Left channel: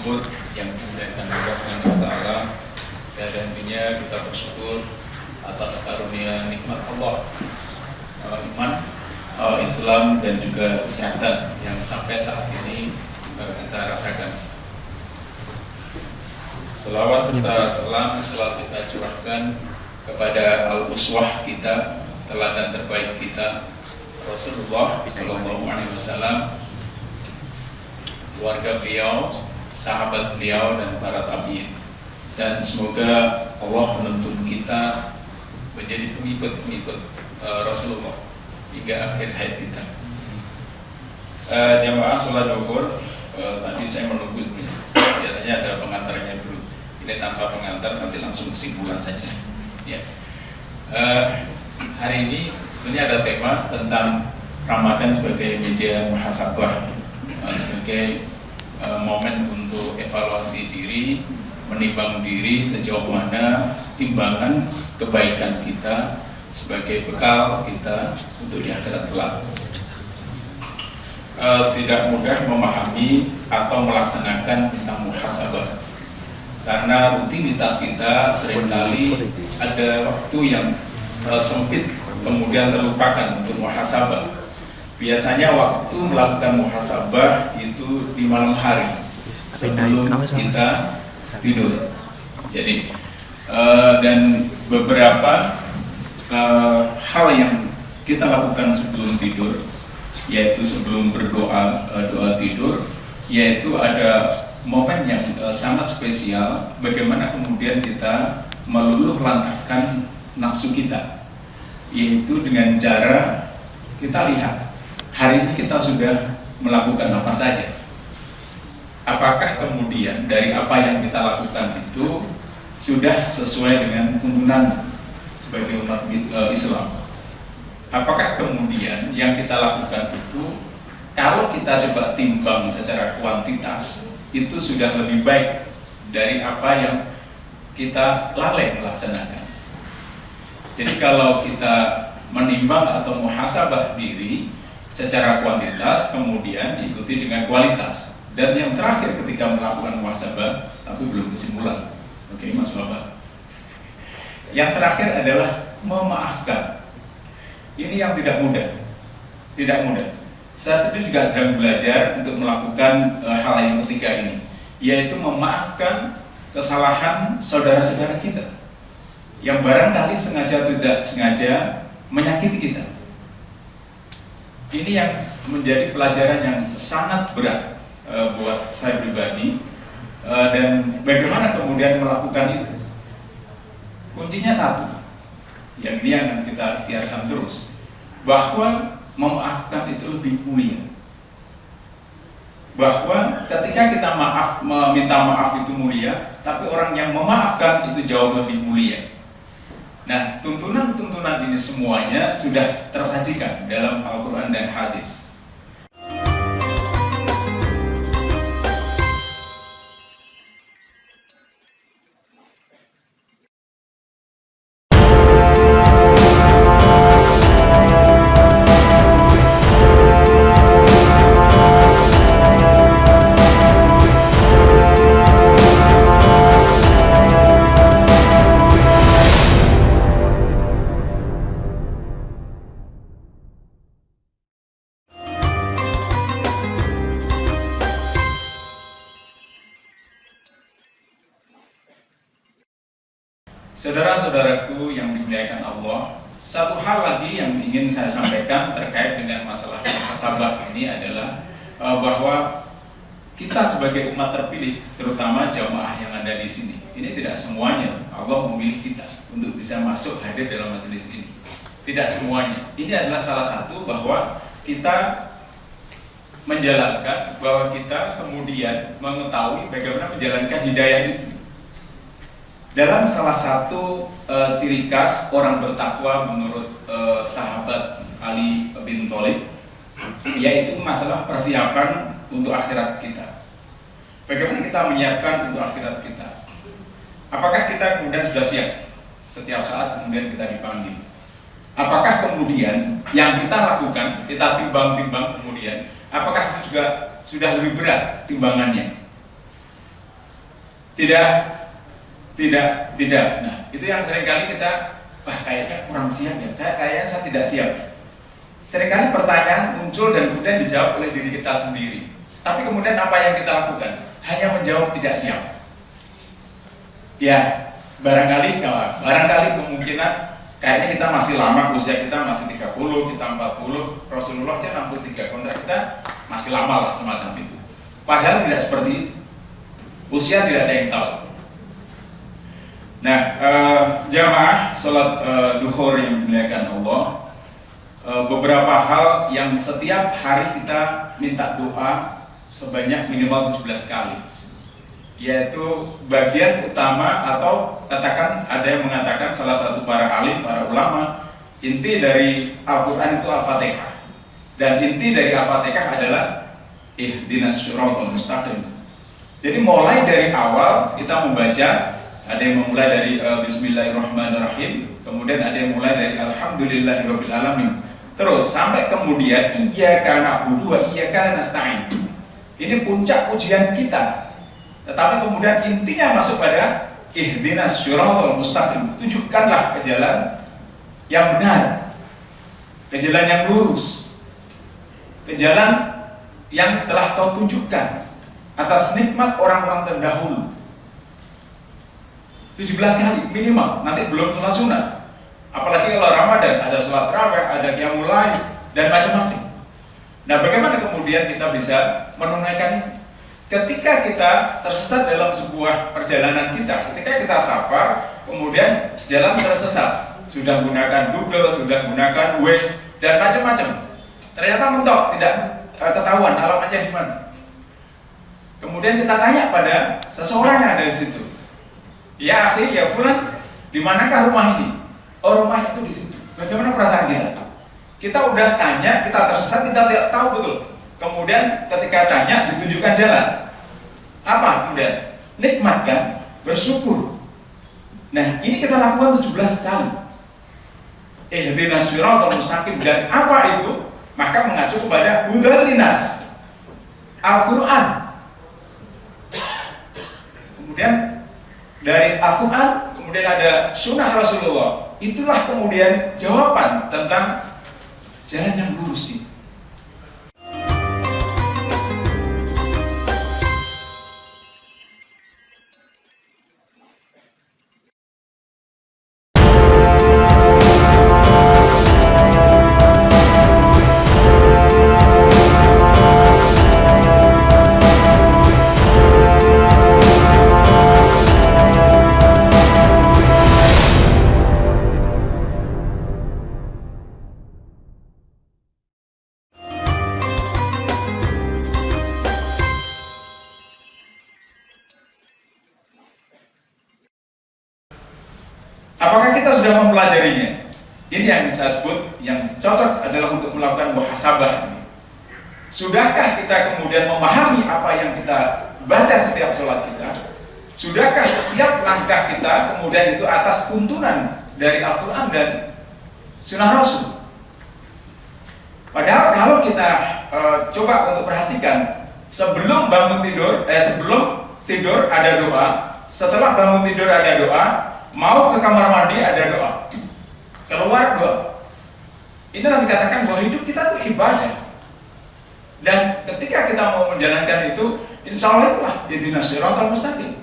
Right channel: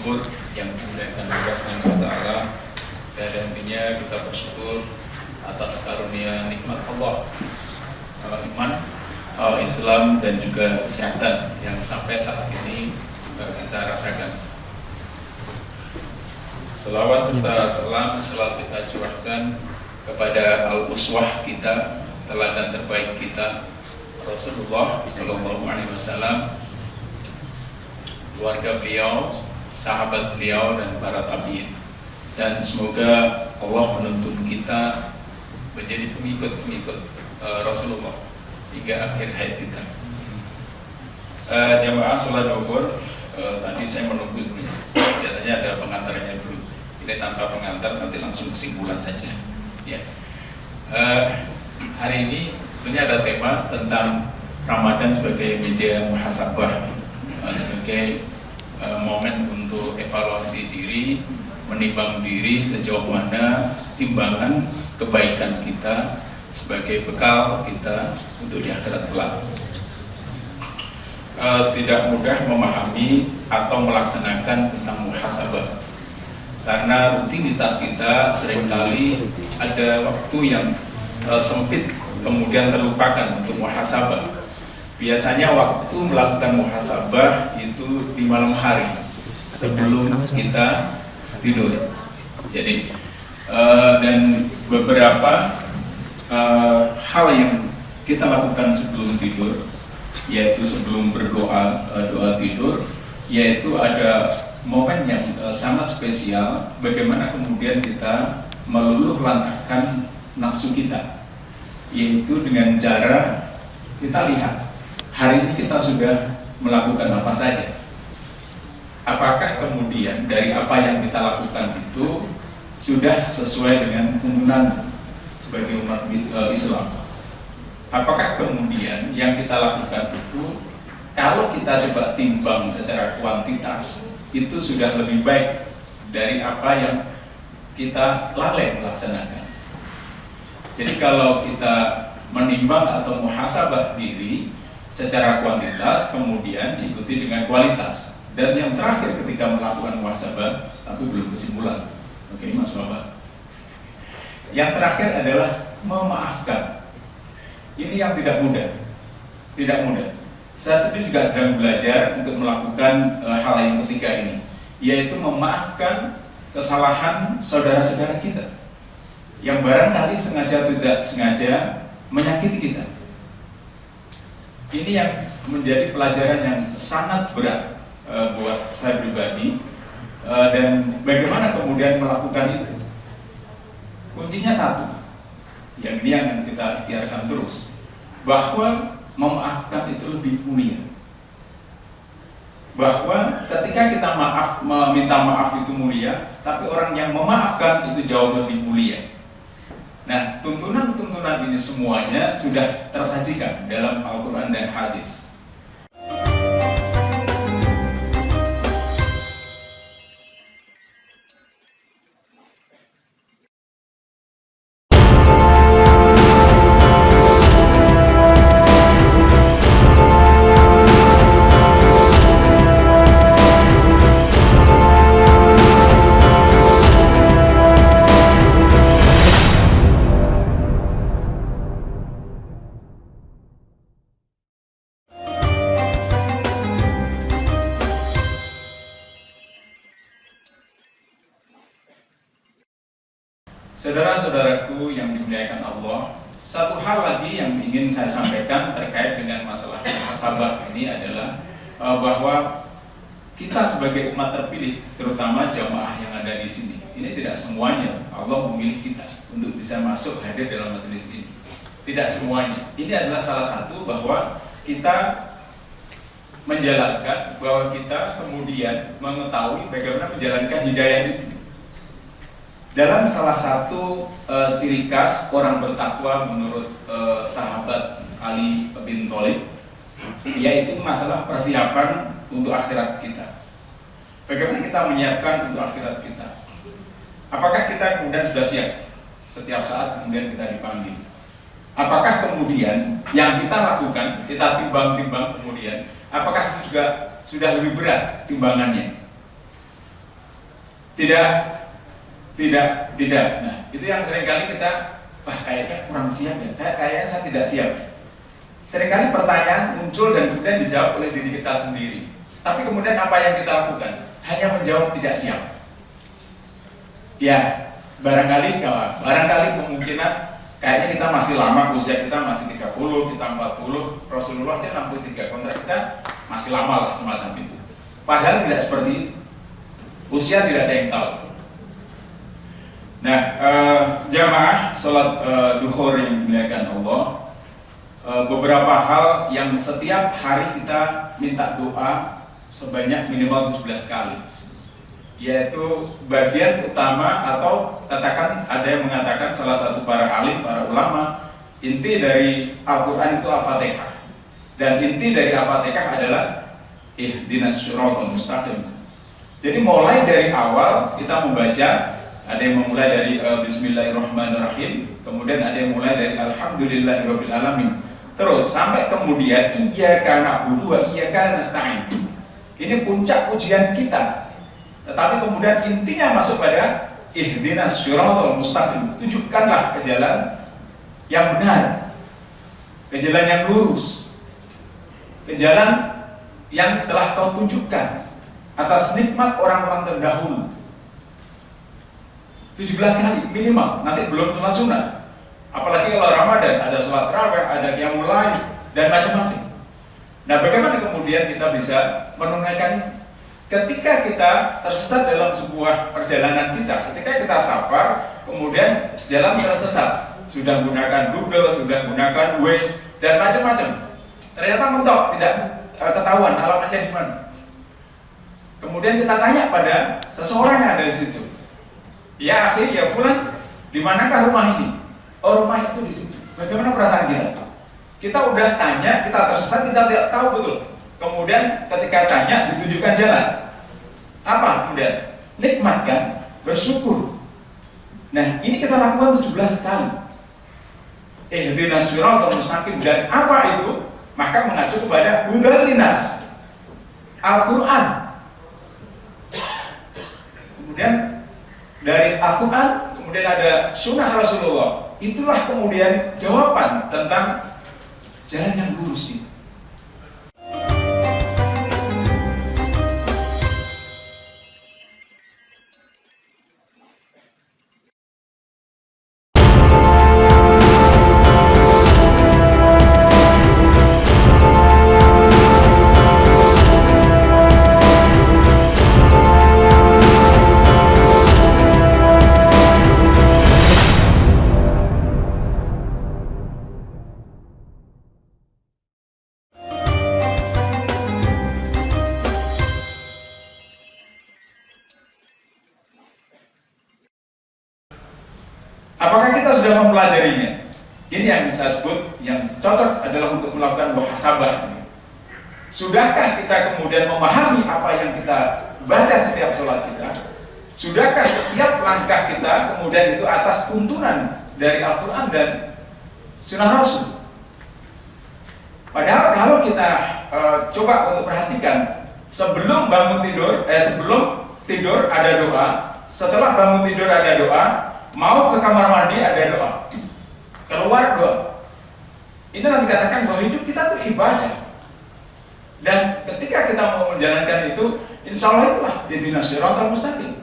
syukur yang dimuliakan Allah Subhanahu wa taala, dan intinya kita bersyukur atas karunia nikmat Allah, iman, Islam dan juga kesehatan yang sampai saat ini kita rasakan. Selawat serta salam selalu kita curahkan kepada al-uswah kita, teladan terbaik kita, Rasulullah Sallallahu Alaihi Wasallam, keluarga beliau, sahabat beliau dan para tabi'in. Dan semoga Allah menuntun kita menjadi pengikut Rasulullah hingga akhir hayat kita. Jamaah sholat zuhur, tadi saya menunggu dulu. Biasanya ada pengantarnya dulu. Ini tanpa pengantar, nanti langsung kesimpulan saja. Ya. Hari ini sebenarnya ada tema tentang Ramadan sebagai media muhasabah, sebagai momen untuk evaluasi diri, menimbang diri sejauh mana timbangan kebaikan kita sebagai bekal kita untuk di akhirat kelak. Tidak mudah memahami atau melaksanakan tentang muhasabah karena rutinitas kita seringkali ada waktu yang sempit kemudian terlupakan untuk muhasabah. Biasanya waktu melakukan muhasabah itu di malam hari sebelum kita tidur. Jadi dan beberapa hal yang kita lakukan sebelum tidur, yaitu sebelum berdoa, doa tidur, yaitu ada momen yang sangat spesial bagaimana kemudian kita meluluh lantahkan nafsu kita, yaitu dengan cara kita lihat hari ini kita sudah melakukan apa saja. Apakah kemudian dari apa yang kita lakukan itu sudah sesuai dengan tuntunan sebagai umat Islam? Apakah kemudian yang kita lakukan itu kalau kita coba timbang secara kuantitas itu sudah lebih baik dari apa yang kita lalai melaksanakan? Jadi kalau kita menimbang atau muhasabah diri secara kuantitas kemudian diikuti dengan kualitas, dan yang terakhir ketika melakukan muhasabah tapi belum kesimpulan. Oke, Mas Bapak. Yang terakhir adalah memaafkan. Ini yang tidak mudah. Tidak mudah. Saya sendiri juga sedang belajar untuk melakukan hal yang ketiga ini, yaitu memaafkan kesalahan saudara-saudara kita yang barangkali sengaja tidak sengaja menyakiti kita. Ini yang menjadi pelajaran yang sangat berat buat saya pribadi, dan bagaimana kemudian melakukan itu. Kuncinya satu, yang ini yang kita ikhtiarkan terus, bahwa memaafkan itu lebih mulia. Bahwa ketika kita meminta maaf itu mulia, tapi orang yang memaafkan itu jauh lebih mulia. Nah, tuntunan-tuntunan ini semuanya sudah tersajikan dalam Al-Quran dan Hadis. Saudara-saudaraku yang dimuliakan Allah, satu hal lagi yang ingin saya sampaikan terkait dengan masalah muhasabah ini adalah bahwa kita sebagai umat terpilih, terutama jamaah yang ada di sini, ini tidak semuanya Allah memilih kita untuk bisa masuk hadir dalam majelis ini. Tidak semuanya. Ini adalah salah satu bahwa kita menjalankan, bahwa kita kemudian mengetahui bagaimana menjalankan hidayah itu. Dalam salah satu ciri khas orang bertakwa menurut sahabat Ali bin Thalib, yaitu masalah persiapan untuk akhirat kita. Bagaimana kita menyiapkan untuk akhirat kita? Apakah kita kemudian sudah siap setiap saat kemudian kita dipanggil? Apakah kemudian yang kita lakukan, kita timbang-timbang kemudian, apakah itu juga sudah lebih berat timbangannya? Tidak, tidak. Nah, itu yang seringkali kita, kayaknya kurang siap ya, kayaknya saya tidak siap. Seringkali pertanyaan muncul dan kemudian dijawab oleh diri kita sendiri. Tapi kemudian apa yang kita lakukan? Hanya menjawab tidak siap. Ya, barangkali kemungkinan kayaknya kita masih lama, usia kita masih 30, kita 40, Rasulullah aja 63, kontrak kita masih lama lah, semacam itu. Padahal tidak seperti itu. Usia tidak ada yang tahu. Nah, jamaah sholat duhur yang dimuliakan Allah, beberapa hal yang setiap hari kita minta doa sebanyak minimal 17 kali, yaitu bagian utama, atau katakan ada yang mengatakan salah satu para alim, para ulama, inti dari Al-Quran itu Al-Fatihah, dan inti dari Al-Fatihah adalah ihdinas syiratal mustaqim. Jadi mulai dari awal kita membaca, ada yang memulai dari Bismillahirrahmanirrahim, kemudian ada yang mulai dari Alhamdulillahirabbil alamin, terus sampai kemudian iyyaka na'budu wa iyyaka nasta'in. Ini puncak ujian kita. Tetapi kemudian intinya masuk pada ihdinas syiratal mustaqim. Tunjukkanlah ke jalan yang benar, ke jalan yang lurus, ke jalan yang telah kau tunjukkan atas nikmat orang-orang terdahulu. 17 kali minimal, nanti belum sholat sunnah. Apalagi kalau Ramadan, ada sholat tarawih, ada qiyamul lail, dan macam-macam. Nah, bagaimana kemudian kita bisa menunaikan ini? Ketika kita tersesat dalam sebuah perjalanan kita, ketika kita safar, kemudian jalan tersesat, sudah gunakan Google, sudah gunakan Waze, dan macam-macam. Ternyata mentok, tidak ketahuan alamatnya di mana. Kemudian kita tanya pada seseorang yang ada di situ, ya akhi, ya fulan, di manakah rumah ini? Oh, rumah itu di situ. Bagaimana perasaan kita? Kita udah tanya, kita tersesat, kita tidak tahu betul. Kemudian ketika tanya, ditunjukkan jalan. Apa kemudian? Nikmat kan? Bersyukur. Nah, ini kita lakukan 17 kali. Ihdinas syiratal mustaqim. Dan apa itu? Maka mengacu kepada hudal linnas, Al-Quran. Kemudian dari Al-Quran, kemudian ada sunnah Rasulullah. Itulah kemudian jawaban tentang jalan yang lurus ini. Apakah kita sudah mempelajarinya? Ini yang saya sebut, yang cocok adalah untuk melakukan muhasabah. Sudahkah kita kemudian memahami apa yang kita baca setiap sholat kita? Sudahkah setiap langkah kita kemudian itu atas tuntunan dari Al-Quran dan Sunnah Rasul? Padahal kalau kita coba untuk perhatikan, sebelum bangun tidur, sebelum tidur ada doa, setelah bangun tidur ada doa, mau ke kamar mandi ada doa, keluar doa. Ini nanti dikatakan bahwa hidup kita itu ibadah. Dan ketika kita mau menjalankan itu, insya Allah itulah ihdinas syiratal mustaqim.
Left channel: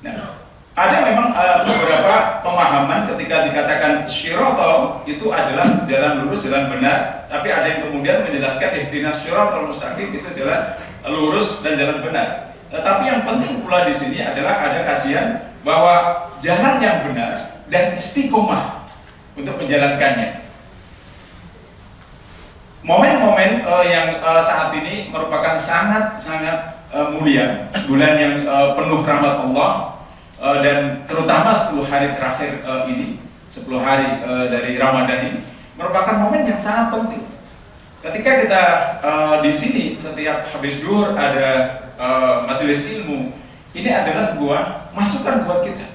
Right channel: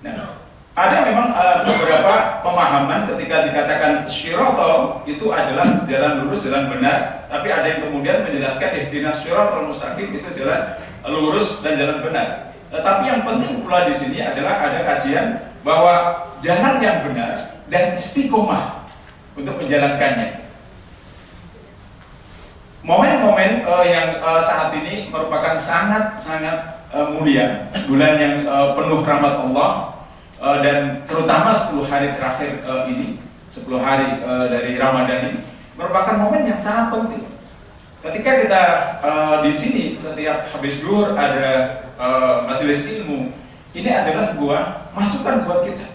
Nah, ada memang beberapa pemahaman ketika dikatakan syiratal itu adalah jalan lurus, jalan benar. Tapi ada yang kemudian menjelaskan ihdinas syiratal mustaqim itu jalan lurus dan jalan benar. Tetapi yang penting pula di sini adalah ada kajian bahwa jalan yang benar dan istiqomah untuk menjalankannya. Momen-momen yang saat ini merupakan sangat-sangat mulia, bulan yang penuh rahmat Allah, dan terutama 10 hari terakhir ini, 10 hari dari Ramadan ini merupakan momen yang sangat penting. Ketika kita di sini setiap habis zuhur ada majelis ilmu, ini adalah sebuah masukan buat kita.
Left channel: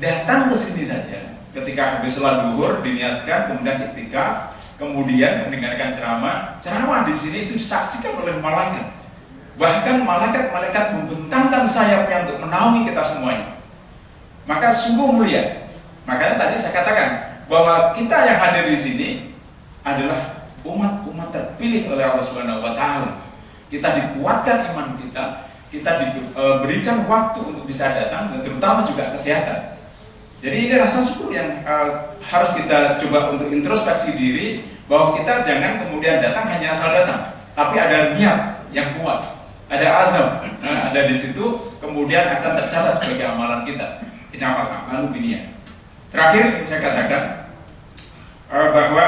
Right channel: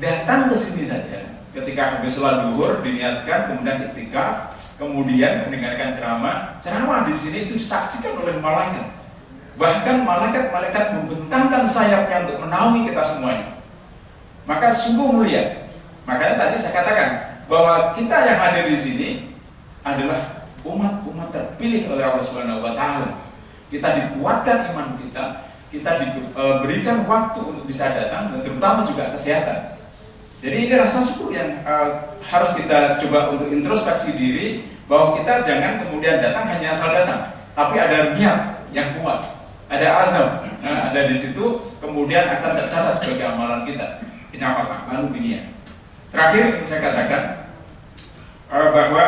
Datang ke sini saja. Ketika habis sholat zuhur diniatkan, kemudian iktikaf, kemudian mendengarkan ceramah. Ceramah di sini itu disaksikan oleh malaikat. Bahkan malaikat-malaikat membentangkan sayapnya untuk menaungi kita semuanya. Maka sungguh mulia. Makanya tadi saya katakan bahwa kita yang hadir di sini adalah umat-umat terpilih oleh Allah Subhanahu wa taala. Kita dikuatkan iman kita diberikan waktu untuk bisa datang, dan terutama juga kesehatan. Jadi ini rasa syukur yang harus kita coba untuk introspeksi diri, bahwa kita jangan kemudian datang hanya asal datang, tapi ada niat yang kuat, ada azam, ada di situ, kemudian akan tercatat sebagai amalan kita. Ini amalan dunia. Terakhir saya katakan bahwa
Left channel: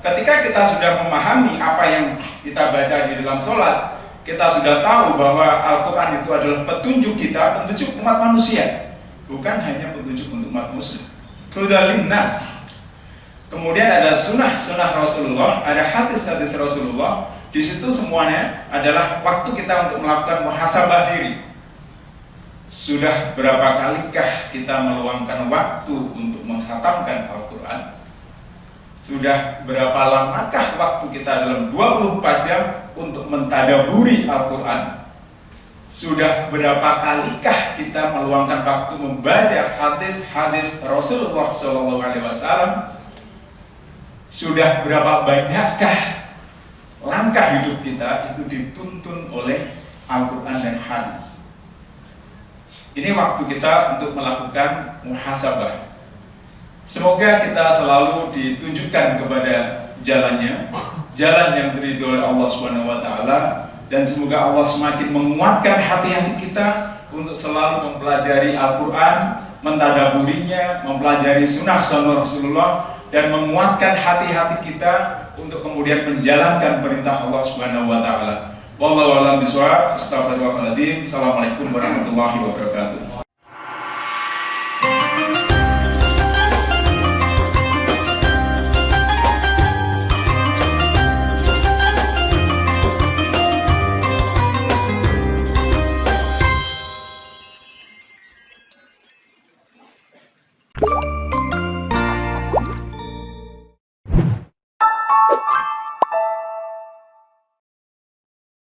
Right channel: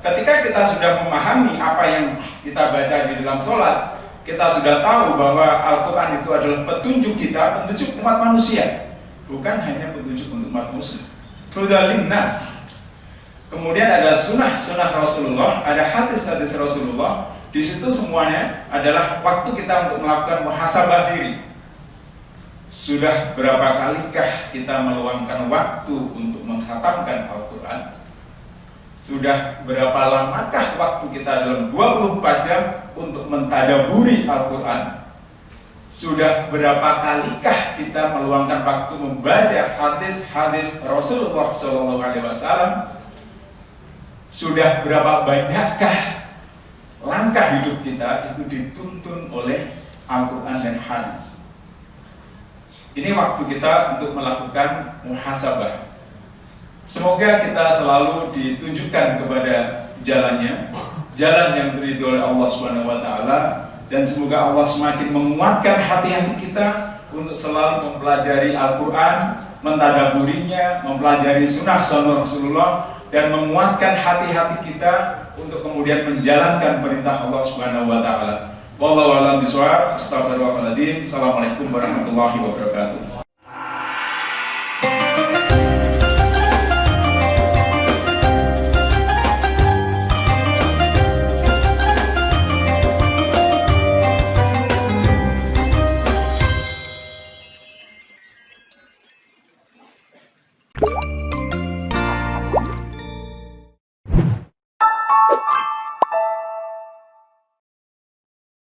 ketika kita sudah memahami apa yang kita baca di dalam sholat, kita sudah tahu bahwa Al-Quran itu adalah petunjuk kita, petunjuk umat manusia, bukan hanya petunjuk untuk umat muslim. Hudal linnas. Kemudian ada sunnah Rasulullah, ada hadis-hadis Rasulullah. Di situ semuanya adalah waktu kita untuk melakukan muhasabah diri. Sudah berapa kalikah kita meluangkan waktu untuk menghatamkan Al-Quran? Sudah berapa lamakah waktu kita dalam 24 jam untuk mentadaburi Al-Quran? Sudah berapa kalikah kita meluangkan waktu membaca hadis-hadis Rasulullah SAW? Sudah berapa banyakkah langkah hidup kita itu dituntun oleh Al-Quran dan hadis? Ini waktu kita untuk melakukan muhasabah. Semoga kita selalu ditunjukkan kepada jalannya, jalan yang diridhoi oleh Allah Subhanahu wa taala, dan semoga Allah semakin menguatkan hati-hati kita untuk selalu mempelajari Al-Qur'an, mentadaburinya, mempelajari sunnah Rasulullah, dan menguatkan hati-hati kita untuk kemudian menjalankan perintah Allah Subhanahu wa taala. Wallahu a'lam bishawab. Astaghfirullahaladzim. Assalamualaikum warahmatullahi wabarakatuh.